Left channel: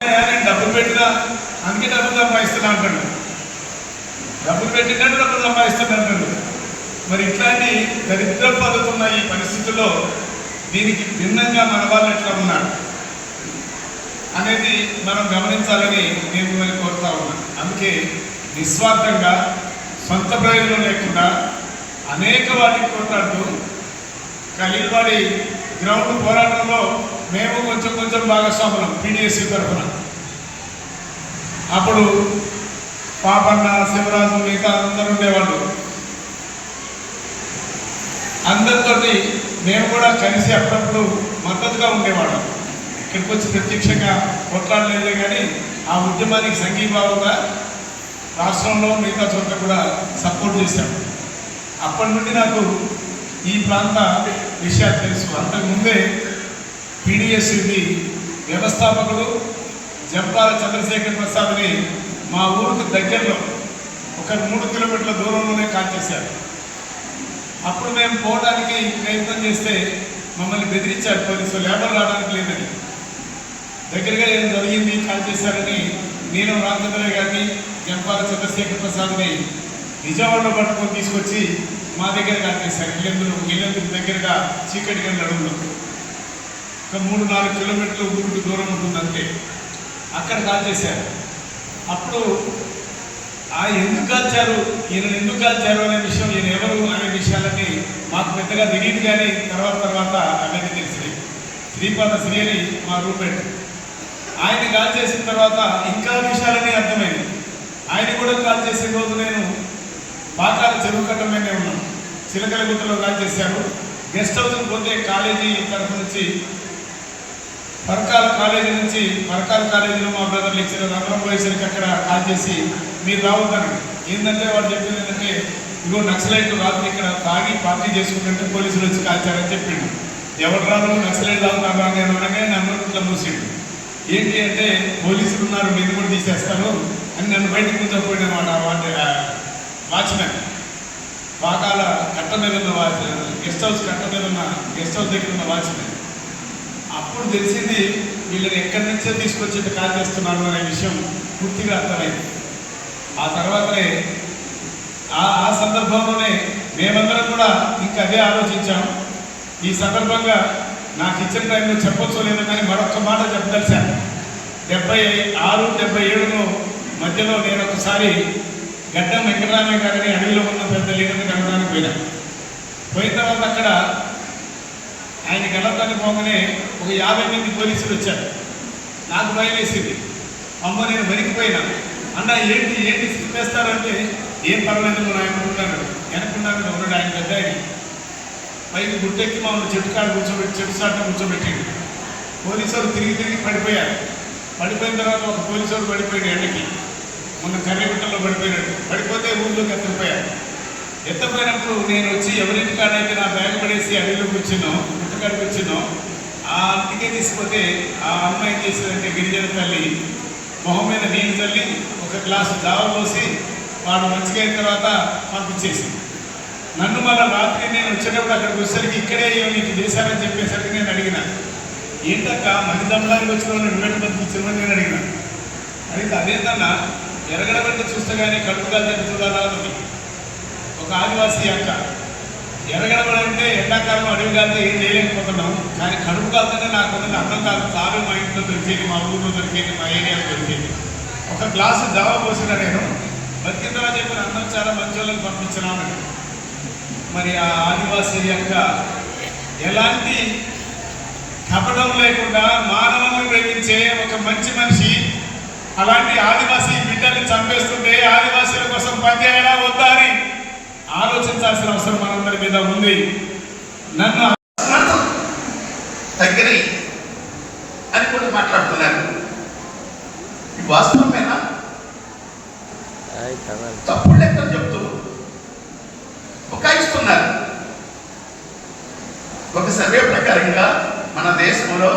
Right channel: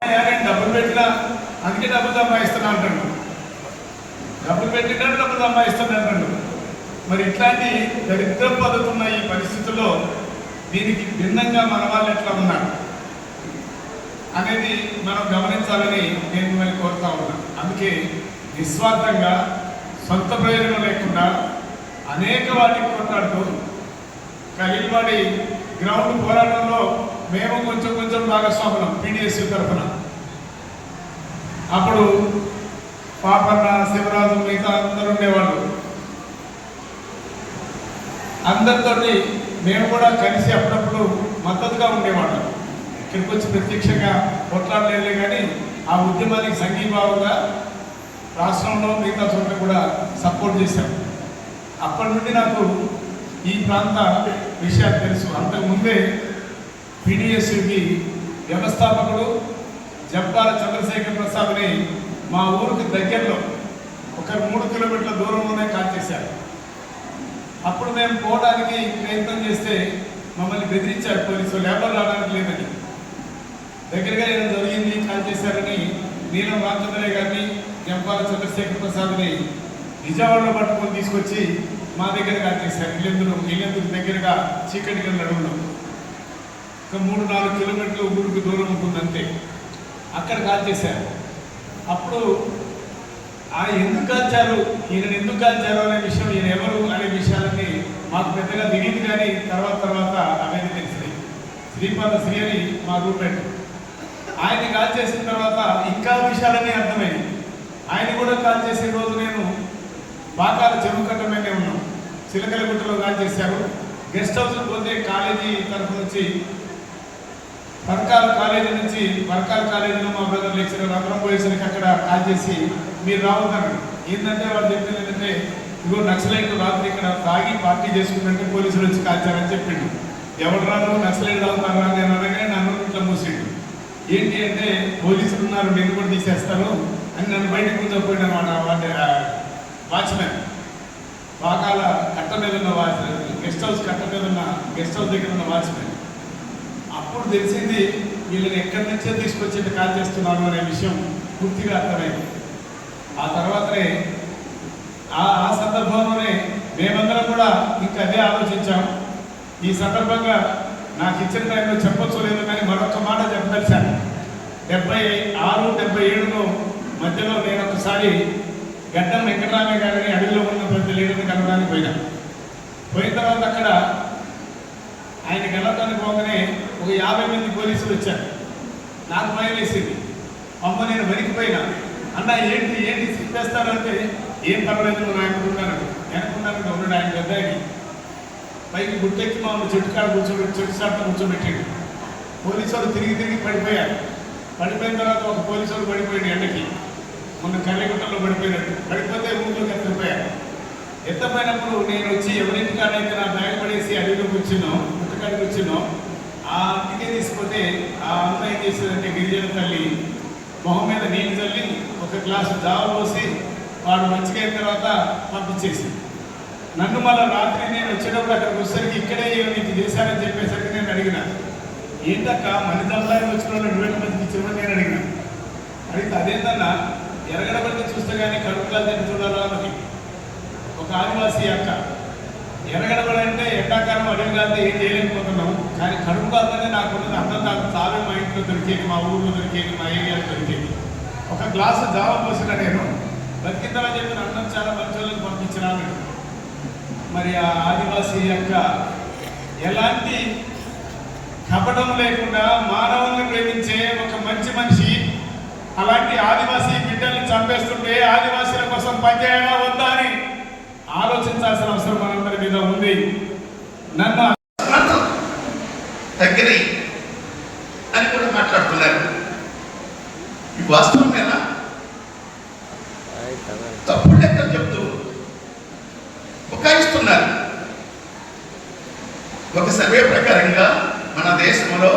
నేను డబ్బులు పెట్టినా అందుకే డబ్బులు సంపాదిస్తున్నా అంటాడు. డబ్బులు పెట్టినా డబ్బులు సంపాదిస్తున్నా అంటాడు. మరి ఇట్లాంటి దరిద్ర పదుతున్న ఈ పరిస్థితుల్లో దీనికి భిన్నంగా మన వాళ్ళు ఎట్లా ఉన్నారు? అనేది మనం గమనించాలని నేను మరి కోరుతా ఉన్నాను అందుకే నిస్వార్థంగా సొంత ప్రయోజనం లేకుండా అనేక వాటికి కొట్లాడుతూ కలిగినవాడి గ్రౌండ్ పోరాటంలో మేము కొంచెం కొంచెం భాగస్వాములం పీడిఎస్సీ తరఫున. అప్పుడు పాపన్న శివరాజు మిగతా అందరు ఉండేవాళ్ళు. అందరితోటి మేము కూడా కలిసి అప్పుడప్పుడు మద్దతుగా ఉండేవాళ్ళం. ఇక్కడికి వచ్చి ప్రత్యక్షంగా కొట్లాడలేదు కానీ ఆ ఉద్యమానికి సంఘీభావంగా రాష్ట్రంలో మిగతా చోట్ల కూడా సపోర్ట్ చేశాం. అప్పటి నుండి నాకు ఈ ప్రాంత విషయాలు తెలుసు. అంతకుముందే పీడిఎస్యుడి వ్యవస్థాపకులు జంపాల చంద్రశేఖర్ ప్రసాద్ని మా ఊరికి దగ్గరలో ఒక మూడు కిలోమీటర్ల దూరంలోనే కాల్ చేశారు. అప్పుడు మేము పోవడానికి ప్రయత్నం చేస్తే మమ్మల్ని బెదిరించారు పోలీసు లేబర్ రావడానికి లేదని దగ్గరగా ఏం జరిగింది కాల్ చేశారని నీలం రామచంద్రయ్య గారిని జంపాల చంద్రశేఖర్ ప్రసాద్ని నిజామాబాద్లో పట్టుకొని తీసుకొచ్చి మా దగ్గర కాల్ చేశారు. ఇల్లెందుకు ఇల్లెందుకు దగ్గరగా చీకటి గంటల అడుగులో ఒక మూడు నాలుగు కిలోమీటర్లు ఊరికి దూరం ఉంటుందంటే అక్కడ కాల్ చేశారు అప్పుడు ఆ ఎందుకు కాల్చారు ఈయన ఎందుకు కాల్చారు అనే విషయం ఈయన ఎవరు అనే విషయాలన్నీ మాకు పెద్దగా తెలియదు కానీ తర్వాత తర్వాత అనేది తెలిసినాయి. శ్రీపాద శ్రీ అని మా రూపెట్ ఆయన కాల్ చేసిన తర్వాత ఇంకా విషయాలన్నీ అర్థమైంది. ఆయన కూడా కాల్ చేసే రోజు నేను పాకాల చెరువు కట్టలోనే ఉన్నాను. చిలకల గుట్టలో కాల్ చేశారు గెస్ట్ హౌస్ పోతే కాలేజీ తరఫు నుంచి పరకాల కాలేజీ నుంచి పరకాల కాలేజీలో మా బ్రదర్ లెక్చరర్ అందరం పోయేసరికి అక్కడ కాల్ చేసి మీరు రావద్దాను ఏంటంటే వాళ్ళు చెప్పింది ఏంటంటే ఇదిగో నక్సలైట్ రాత్రి ఇక్కడ తాగి పార్టీ చేసుకుంటే పోలీసులు వచ్చి కాల్చారని చెప్పిండు. ఎవరు నక్సలైట్ తాగుతారు అని అనగానే నన్ను ఇట్లా మూసిండు ఏంటి అంటే పోలీసులు ఉన్నారు నిన్ను కూడా తీసేస్తారు అని నన్ను బయటకు ముందపోయినమాట వాటి వాచ్మెన్. పాకాల కట్ట మీద ఉన్న వాచ్ గెస్ట్ హౌస్ కట్ట మీద ఉన్న గెస్ట్ హౌస్ దగ్గర ఉన్న వాచ్మెన్. అప్పుడు తెలిసింది వీళ్ళని ఎక్కడి నుంచో తీసుకొచ్చి కాల్ చేస్తున్నారు అనే విషయం పూర్తిగా అర్థమైంది. ఆ తర్వాతనే ఆ ఆ సందర్భంలోనే మేమందరం కూడా ఇంకా అదే ఆలోచించాం. ఈ సందర్భంగా నాకు ఇచ్చిన టైంలో చెప్పొచ్చు లేదు కానీ మరొక మాట చెప్పదలిశాను డెబ్బై ఆరు డెబ్బై ఏడులో మధ్యలో నేను ఒకసారి గడ్డం వెంకటరామయ్య గారిని అడవిలో ఉన్న పెద్ద లీడర్ని కలవడానికి పోయినా. పోయిన తర్వాత అక్కడ ఆయన గెలవడానికి పోగానే ఒక యాభై మంది పోలీసులు వచ్చారు. నాకు భయం వేసింది. అమ్మ నేను వణికిపోయినా. అన్న ఏంటి ఏంటి చెప్పేస్తారంటే ఏం పర్వాలేదు మన ఆయన ఉన్నాడు వెనకున్నాడు ఉన్నాడు ఆయన పెద్ద పైకి గుట్టెక్కి మమ్మల్ని చెట్టు కాడ కూర్చోబెట్టి చెట్టు చాట కూర్చోబెట్టాడు పోలీసు వాళ్ళు తిరిగి తిరిగి పడిపోయారు. పడిపోయిన తర్వాత ఒక పోలీసు వాళ్ళు పడిపోయాడు ఎండకి. మొన్న కర్రగుట్టలో పడిపోయినట్టు పడిపోతే ఊళ్ళోకి ఎత్తపోయారు ఎత్తపోయినప్పుడు నేను వచ్చి ఎవరింటి కాడైతే నా బ్యాగ్ పడేసి అడవిలో కూర్చున్నాం గుట్టకాడికి వచ్చినాం ఆ ఇంటికే తీసుకుపోతే ఆ అమ్మాయి తీసుకుంటే గిరిజన తల్లి మొహం మీద నీళ్ళు చల్లి ఒక గ్లాసు దావ పోసి వాడు మంచిగా అయిన తర్వాత పంపించేసింది. నన్ను మళ్ళీ రాత్రి నేను వచ్చేటప్పుడు అక్కడికి వచ్చేసరికి ఇక్కడే ఏమి చేశానని చెప్పేసరికి నేను అడిగిన. ఏంటక్క మంది దమ్మానికి వచ్చిన వాళ్ళు నువ్వు పంపించామని నేను అడిగిన. అడిగితే అదేంటన్నా ఎరగడబడితే చూస్తే కానీ కడుపు కాదని ఒక ఆదివాసీ అక్క ఎరగడబడంటే ఎండాకాలం అడవి కాదు ఏం చేయలేకపోతున్నాము కానీ కడుపు కాకుండా నాకు ఉన్నది అన్నం కాదు. చావే మా ఇంట్లో దొరికేది మా ఊర్లో దొరికేది మా ఏరియాలో దొరికేది. ఒక గ్లాసు జావా పోసిన నేను బతికిందని చెప్పిన అన్నం చాలా మంచోళ్ళకి పంపించినా మరి ఆ ఆదివాసీ యొక్క ఎలాంటి కపటం లేకుండా మానవులను ప్రేమించే ఒక మంచి మనిషి అలాంటి ఆదివాసీ బిడ్డల్ని చంపేస్తుంటే ఆదివాసీల కోసం పనిచేయాలా వద్దా అని ఆలోచించాల్సిన అవసరం మనందరి మీద ఉంది. నన్ను స్వార్థం దగ్గరి అని కూడా మాట్లాడుతున్నారు. వాస్తవమేనా? తప్పుడు లెక్కలు చెప్తూ బుకాయిస్తున్నారు ఒక సర్వే ప్రకారంగా మన దేశంలో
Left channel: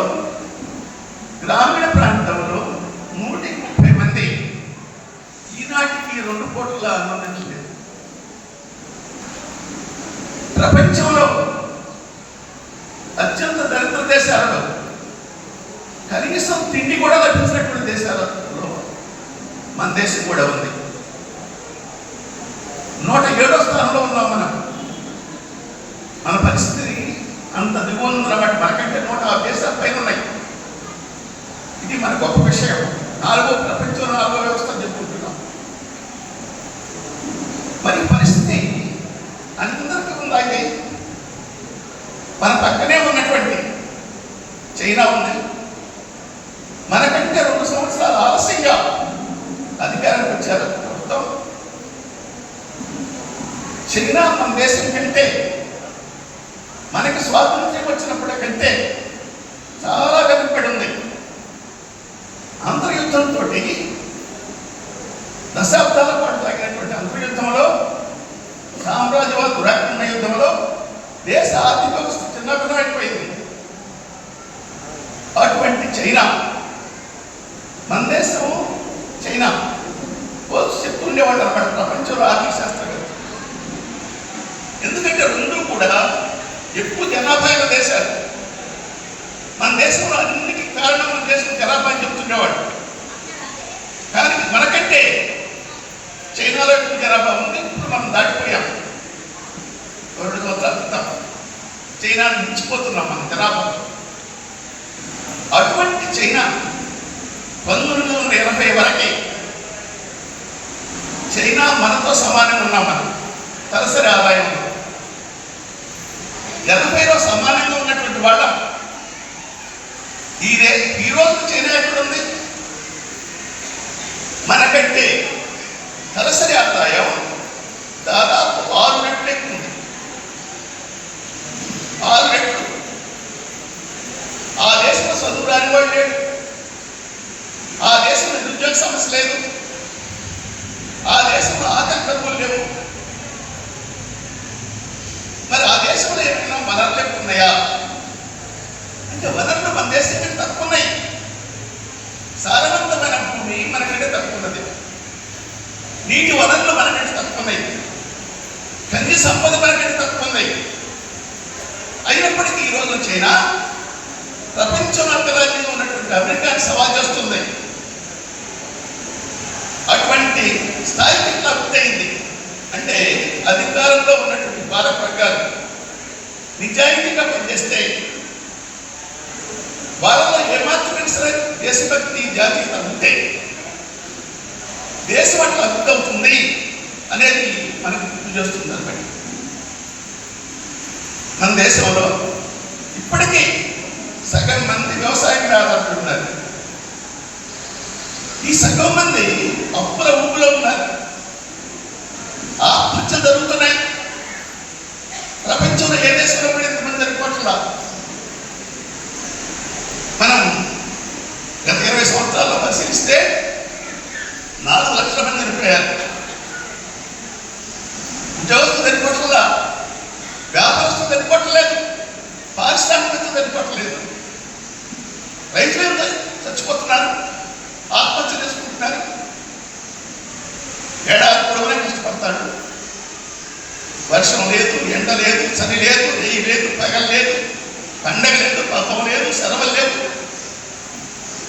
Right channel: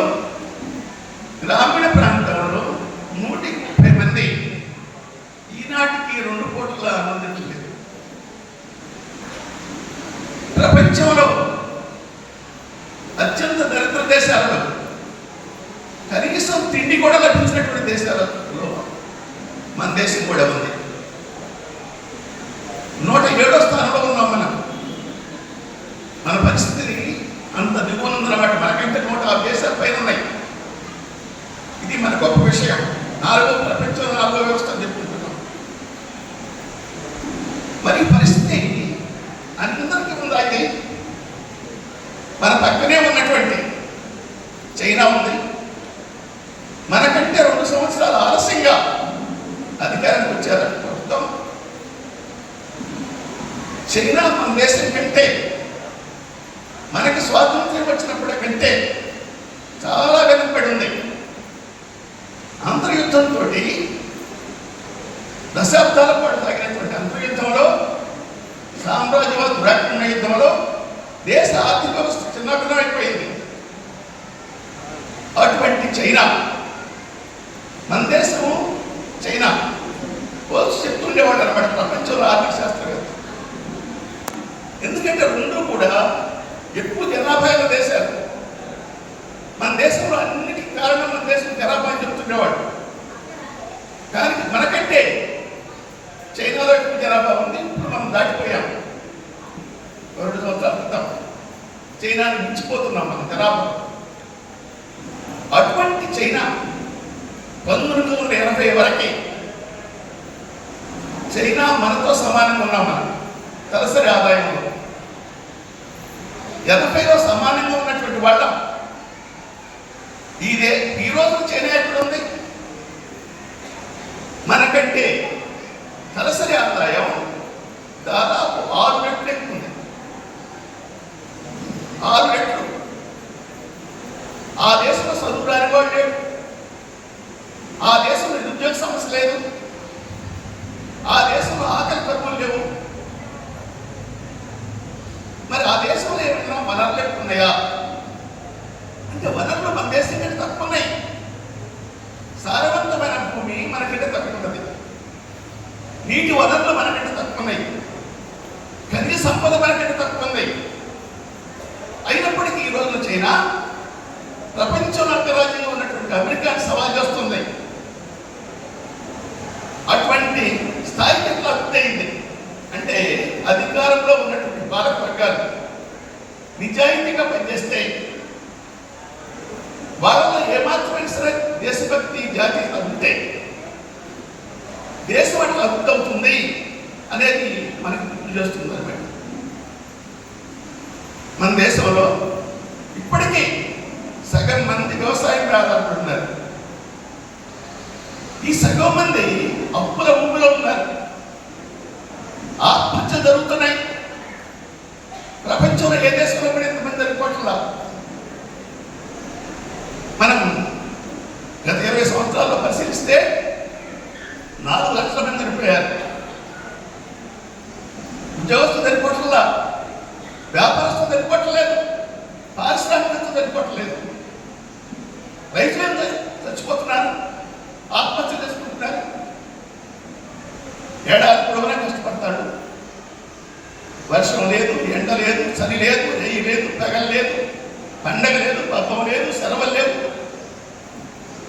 కూడా ఉంది. నూట ఏడో స్థానంలో ఉన్నాం మనం. మన పరిస్థితిని అంత దిగువన ఉందన్నమాట మనకంటే నూట ఆ దేశాలు పైన ఉన్నాయి. ఇది మన గొప్ప విషయం. నాలుగో ప్రపంచంలో నాలుగో వ్యవస్థ అని చెప్పుకుంటున్నాం. మరి పరిస్థితి అందరికీ ఉందాయి మన పక్కనే ఉన్నటువంటి చైనా ఉంది. మనకంటే రెండు సంవత్సరాలు ఆలస్యంగా అధికారానికి వచ్చారు ప్రభుత్వం చైనా మన దేశం కంటే మనకి స్వాతంత్ర్యం వచ్చినప్పటి కంటే చాలా వెనుకబడి ఉంది. అంతర్యుద్ధంతో దశాబ్దాల పాటు సాగినటువంటి అంతర్యుద్ధంలో సామ్రాజ్యవాద దురాక్రమణ యుద్ధంలో దేశ ఆర్థిక వ్యవస్థ చిన్నపిల్లమైపోయింది అటువంటి చైనా మన దేశము చైనా పోల్చి చెప్తుండేవాడు అనమాట ప్రపంచంలో ఆర్థిక శాస్త్రవేత్త ఎందుకంటే రెండు కూడా ఎక్కువ జనాభా ఉన్న దేశాలు మన దేశంలో అన్నిటికీ కారణం మన దేశం జనాభా అని చెప్తుండేవాడు. కానీ మనకంటే చైనాలో ఎక్కువ జనాభా ఉంది ఇప్పుడు మనం దాటిపోయాం. రెండు సంవత్సరాల క్రితం చైనాను మించిపోతున్నాం మన జనాభా అటువంటి చైనా పంతొమ్మిది వందల ఎనభై వరకే చైనా మనతో సమానంగా ఉన్నాం మనం. తలసరి ఆదాయంలో. ఎనభైలో సమానంగా ఉన్నటువంటి వాళ్ళం. ఇదే ఈ రోజు చైనా ఎక్కడ ఉంది? మనకంటే తలసరి ఆదాయం దాదాపు ఆరు రెట్లు ఎక్కువ ఆరు రెట్లు. ఆ దేశంలో చదువు రాని వాడు లేడు ఆ దేశంలో నిరుద్యోగ సమస్య లేదు. ఆ దేశంలో ఆకలి కరువులు లేవు. మరి ఆ దేశంలో ఏమైనా వనరులు ఎక్కువ ఉన్నాయా అంటే వనరులు మన దేశం కంటే తక్కువ ఉన్నాయి సారవంతమైన భూమి మనకంటే తక్కువ ఉన్నది నీటి వనరులు మనకంటే తక్కువ ఉన్నాయి ఖనిజ సంపద మనకంటే తక్కువ ఉంది. అయినప్పటికీ ఈ రోజు చైనా ప్రపంచం అంతరాజ్యంగా ఉన్నటువంటి అమెరికాకి సవాల్ చేస్తుంది. అటువంటి స్థాయికి ఇట్లా అయింది? అంటే అధికారంలో ఉన్నటువంటి భారత వర్గాలు నిజాయితీగా పనిచేస్తే వాళ్ళలో ఏమాత్రమే సరే దేశభక్తి జాతీయత ఉంటే దేశం అట్లా అభివృద్ధి అవుతుంది అనేది మనకి గుర్తు చేస్తుంది అనమాట మన దేశంలో ఇప్పటికీ సగం మంది వ్యవసాయం మీద ఆధారపడుతున్నారు ఈ సగం మంది అప్పుల ఊపులో ఉన్నారు. ఆత్మహత్య జరుగుతున్నాయి. ప్రపంచంలో ఏ దేశంలో కూడా ఇంతమంది జరిగిపోట్లా? మనం గత ఇరవై సంవత్సరాల్లో పరిశీలిస్తే నాలుగు లక్షల మంది చనిపోయారు. వ్యాపారస్తులు పారిశ్రామికత పారిశ్రామికతలు రైతులు ఎంత చచ్చిపోతున్నారు. ఆత్మహత్య చేసుకుంటున్నారు. ఏడాది పొడవునే కష్టపడతాడు. వర్షం లేదు ఎండ లేదు చలి లేదు నెయ్యి లేదు పగలు లేదు పండగ లేదు పబ్బం లేదు సెలవులు లేవు.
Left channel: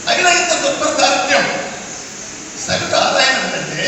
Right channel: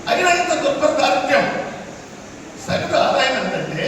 అయినా ఇంత దుర్భర దారిద్ర్యం సగటు ఆదాయం ఏంటంటే